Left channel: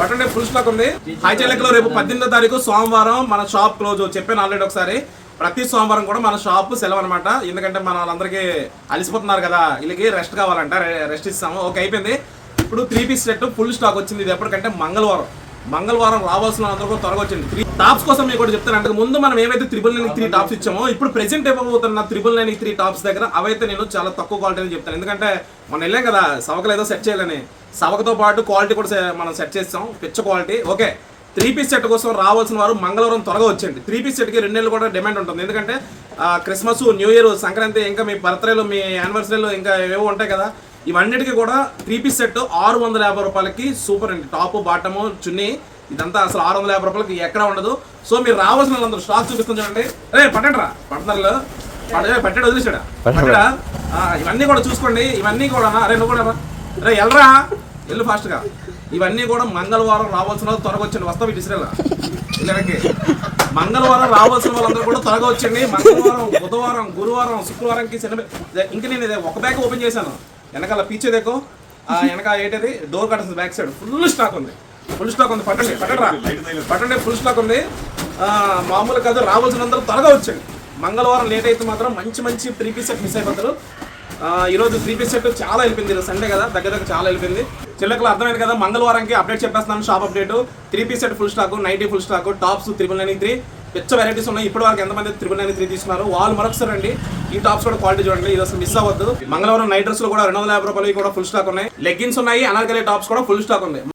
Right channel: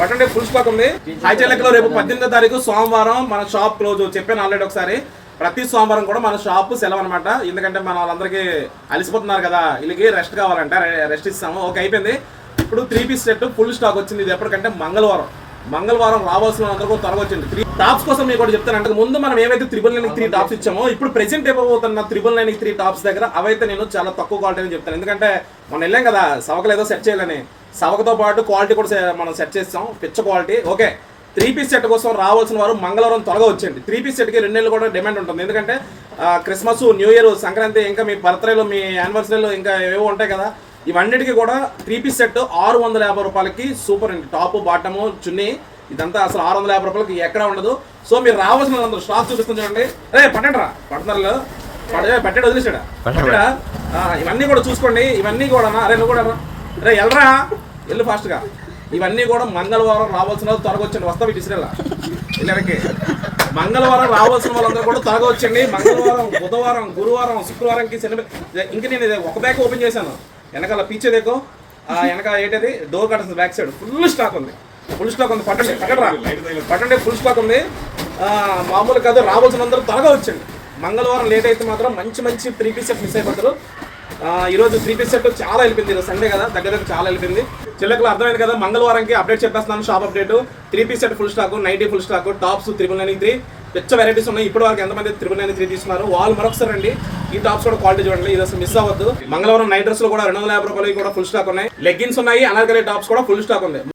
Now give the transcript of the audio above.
పట్టండి full stock ఉంది. High చెల్లెక్లో రేపు 18వ తారీఖు సోమవారం మన షాప్ క్లోజ్. చెప్పాను ఆల్రెడీ ఒకసారి, ప్రతి సోమవారం కూడా మన షాప్ సెలవు అనమాట. ఎందుకంటే మన వాళ్ళందరికీ అలసిపోతున్నారు కదా, వీళ్ళకి రెస్ట్ కావాలంట, రెస్ట్ ఇస్తాము. ఓకే అయిపోయింది. ఇప్పుడు 3 పీస్ సెట్ ఫుల్ స్టాక్ వచ్చింది. ఇది ఎప్పటికంటే మంగళవారం రావాల్సిన అందరూ కూడా త్వరగా వచ్చింది. 3 టాప్స్ కోసం మీకు కూడా చెప్తాను. అంటే ముందు మనం ఏమైతే 3 టాప్స్ ఇచ్చామో ఇప్పుడు ప్రెసెంట్ ఇవ్వబోతున్న 3 టాప్స్ దగ్గర అవైతే నేను చాలా తక్కువ క్వాలిటీ అని చెప్తాను. ఎందుకంటే మనం వెళ్ళాం కదా సవకలు ఏదో సెట్ చేయాలని, సవకతో పాటు క్వాలిటీ కూడా మనం సెట్ చేస్తాం, పిచ్చ క్వాలిటీ. ఓకే 3 పీస్ సెట్ కోసం రావాల్సిన వారు మంగళవారం త్వరగా వచ్చేయండి. 3 పీస్ సెట్కి 2 నెలలు కూడా డిమాండ్ ఉంటుంది. ఎందుకంటే క్రిస్మస్, న్యూ ఇయర్, సంక్రాంతి, ఇంకా మీ బర్త్డేలో, మీ యానివర్సరీలో ఇంకా ఏవో ఉంటాయి కదా, ఇవన్నిటికీ కూడా 3 పీస్ సెట్ 650 రూపాయలకి సూపర్ అండి. టాప్ బాటము చున్నీ ఇదంతా అసలు 650 రూపాయలకి ఎక్కడ ఉండదు. సో మీరు రావాల్సిన వాళ్ళందరూ స్టాక్ చూపిస్తుంది చూడండి. పట్టండి రా, పడుతున్నారు పట్టాడు, వదిలేసాడా పట్టడా. ఇవన్నీ కూడా చూసుకోండి. ఇవన్నీ కూడా అరే నువ్వు కూడా రే వెళ్ళరా, వెళ్ళు ఫాస్ట్గా. ఇవన్నీ కూడా మంగళవారం రావాల్సిన వాళ్ళు త్వరగా వచ్చండి. వస్తావు ఇటుసిరేలా వెళ్ళడానికి. మంగళవారం రావాల్సిన వాళ్ళందరూ కూడా త్వరగా వచ్చండి. మంగళవారం, బుధవారం, గురువారం, శుక్రవారంకి ఇంకా నేను ఒక బ్యాగ్ ఓపెన్ చేశాను. వెనకాల పీచే దేకో, వెనక ఏంటది డోర్ కట్టేస్తుంది, బ్యాక్ సైడ్ ఫుల్ స్టాక్ ఉంది. పట్టండి ఫుల్ స్టాక్ ఉంది. మామూలు కాదు, రావాల్సిన అందరూ త్వరగా వచ్చండి. మంగళవారం లేట్ అయితే మాత్రం మంచి 3 పీస్ సెట్ మిస్ అయిపోతారు. ఈరోజు 3 పీస్ సెట్ చాలా వెళ్ళిపోయింది. ఈరోజు సండే కదా, దగ్గర చాలా వెళ్ళిపోయింది. చిల్లకలు అర్థమైంది కదా. మంగళవారంకి అప్డేట్ చెప్పేస్తున్నాను, shop update. 3 piece set full stock, nighty full stock, tops 393 పిచ్చ వెరైటీస్ ఉన్నాయి. ఇప్పటి వరకు ఎంతమంది 393 తీసుకున్నారు వాళ్ళు మరొకసారి రండి. ఈ టాప్స్ కూడా క్వాలిటీ చూడండి, ఇది అసలు మిస్ అవ్వద్దు. మంగళవారం నైట్ డ్రెస్ లో కూడా 250 రూపాయలు కూడా ఫుల్ స్టాక్ ఉన్నాయి. లెగ్గిన్స్ ఉన్నాయి, అనార్కలి టాప్స్ కూడా ఫుల్ స్టాక్ ఉంది.